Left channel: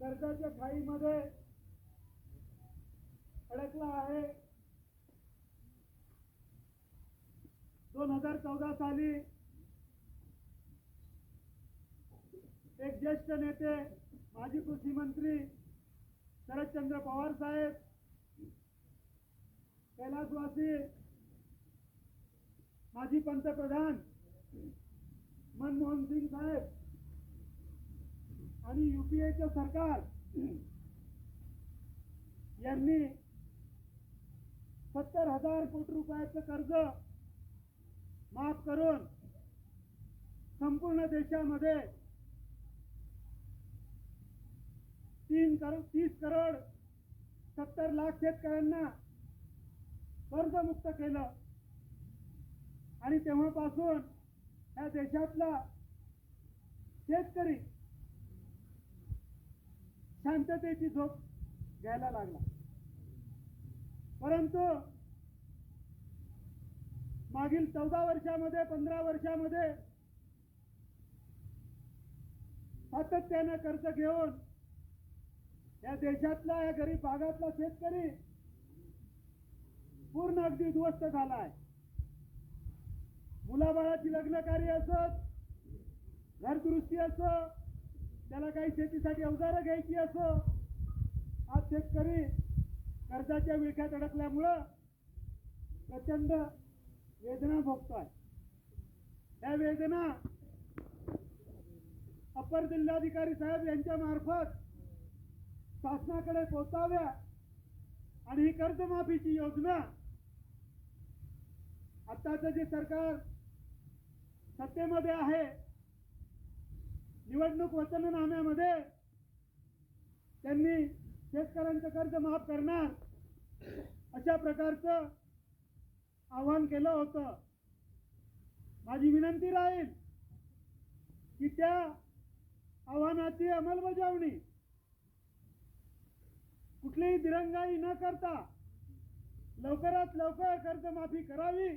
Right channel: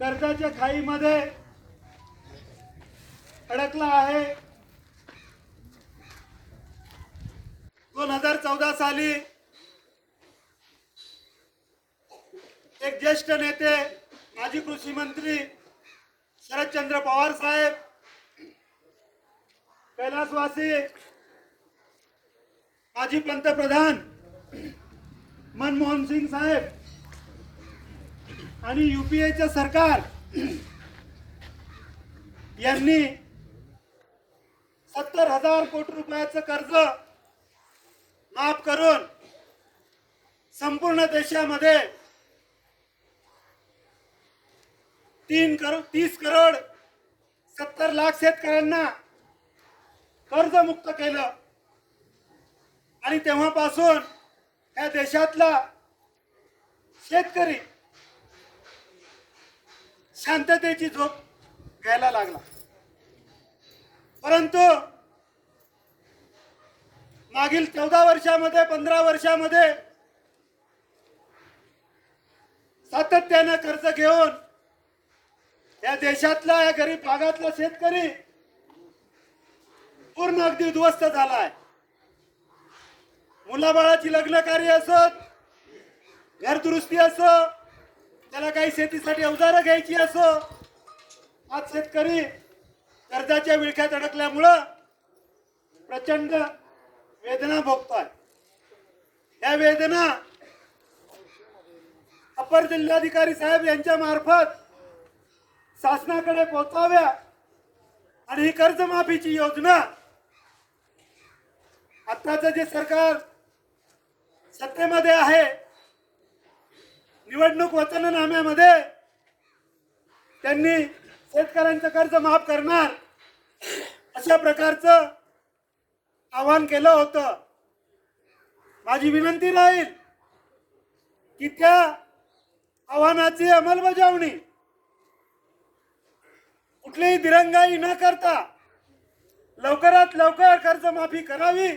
कर्जाच्या खाईमध्ये अडकला आहे. दोन हजार चौदा साली एक ज्येष्ठ नेते माजी कृषी मंत्री शरदचंद्र पवार साहेब कैलासवासी माजी पंतप्रधान मनमोहन सिंग साहेब आणि युपीएचं सरकार यांनी सत्तर हजार कोटी रुपयाचं कर्ज माफ करून संपूर्ण देशामध्ये तीन करो तीस करोड सत्तर लाख शेतकऱ्यांना कर्जमुक्त केलं. आणि तेव्हापासून या देशातला शेतकरी शांततेची झोप घ्यायला लागला. परंतु मागील चौदा वर्षामध्ये पंधरा वर्षामध्ये सातत्यानं कर्ज घेऊन या देशातला या गरीब भागातला शेतकरी पूर्ण अगदी उद्ध्वस्त झाला आहे मुलाबाळाची लग्न कार्य असत घरदुरुस्ती असो त्याला काही शेतीसाठी अवजारं घ्यायची असो. आज शेतकरी कर्जाच्या विळख्यात अडकल्यामुळं प्रचंड वेदना भोगतोय. या वेदना अपर जिल्हाधिकारी साहेब यांच्या मार्फत शासनाकडे पोहोचाव्या आणि ही कर्जमाफीची योजना आत्ताचं जे सरकार सत्तेमध्ये आहे निवडणूक वचननाम्यामध्ये त्यांनी शेतकऱ्यांचं कर्ज माफ करणार अशा प्रकारचं आवाहन केलं होतं. माझी विनंती राहील की त्या आव्हानाची अंमलबजावणी कुठलीही दिरंगाई न करता लवकरात लवकर कर्जमाफी करावी.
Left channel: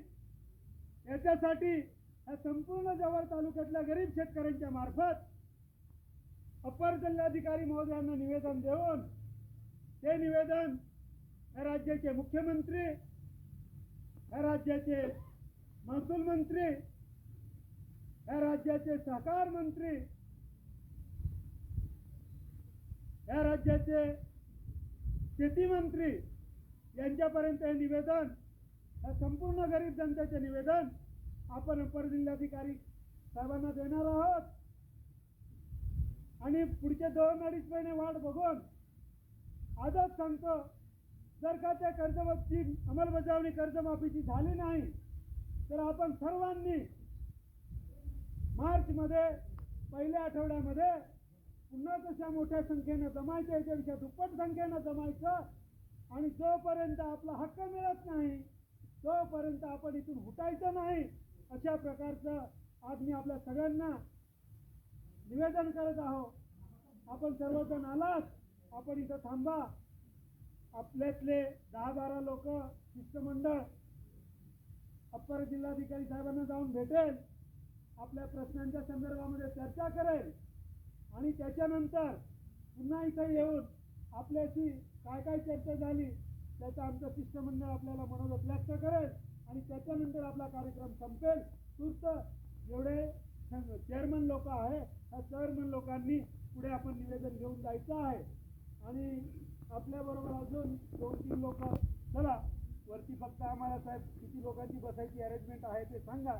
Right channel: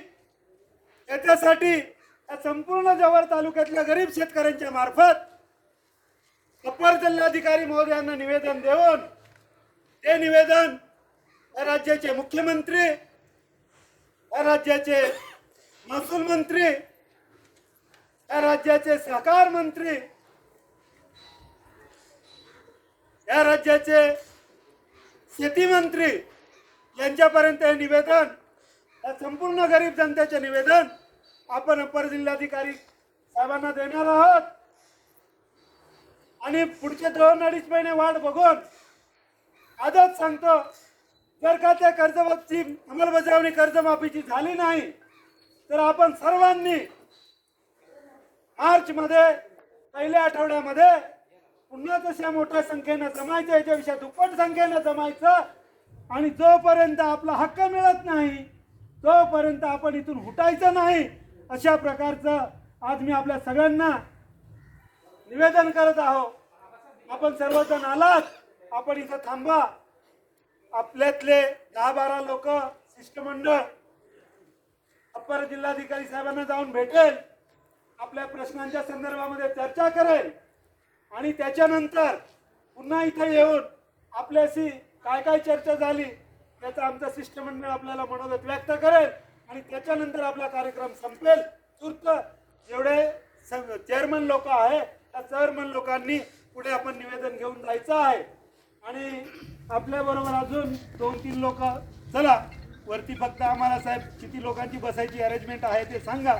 याच्यासाठी या संपूर्ण जवळ तालुक्यातल्या गरीब शेतकऱ्यांच्या मार्फत अपर जिल्हाधिकारी महोदयांना निवेदन देऊन ते निवेदन या राज्याचे मुख्यमंत्री या राज्याचे महसूल मंत्री या राज्याचे सहकार मंत्री या राज्याचे शेती मंत्री यांच्यापर्यंत हे निवेदन या संपूर्ण गरीब जनतेचे निवेदन आपण अपर जिल्हाधिकारी साहेबांना देणार आहोत. आणि पुढचे दोन अडीच महिने वाट बघून आजच सांगतो जर का त्या कर्जमाफीची अंमलबजावणी कर्जमाफीची झाली नाही तर आपण सर्वांनी मार्चमध्ये पहिल्या आठवड्यामध्ये पुन्हा तशा मोठ्या संख्येनं जमायचं याच्याविषयी दुप्पट संख्येनं जमायचं आणि जोपर्यंत आपला हक्क मिळत नाही तोपर्यंत आपण इथून हुटायचं नाही अशा प्रकारचं आज मी आपल्या सगळ्यांना निवेदन करत आहोत आपण सर्वजण आलात. आपण इथं थांबा. आपल्यातले दहा बारा लोक शिष्टमंडळ अप्पर जिल्हाधिकारी साहेबांना जाऊन भेटेल. आपल्या प्रश्नांच्या संदर्भामध्ये चर्चा करेल. आणि त्याच्यानंतर पुन्हा इथं येऊन आपल्याशी काय काय चर्चा झाली त्याचं आमचं शिष्टमंडळ आपल्याला मनोगत व्यक्त करेल. आणि त्याच्यानंतर आपला कार्यक्रम संपेल. तूर्त जेवढे चेअरमन लोक आहे त्या चेअरमन लोकांनी पुढे आपण निवेदन घेऊन जायचं आहे. आणि आपल्याबरोबर अजून दोन तीन लोक चला वरती फक्त आम्हाला साहेब किती लोकांची बसायची अरेंजमेंट आहे ते सांगा.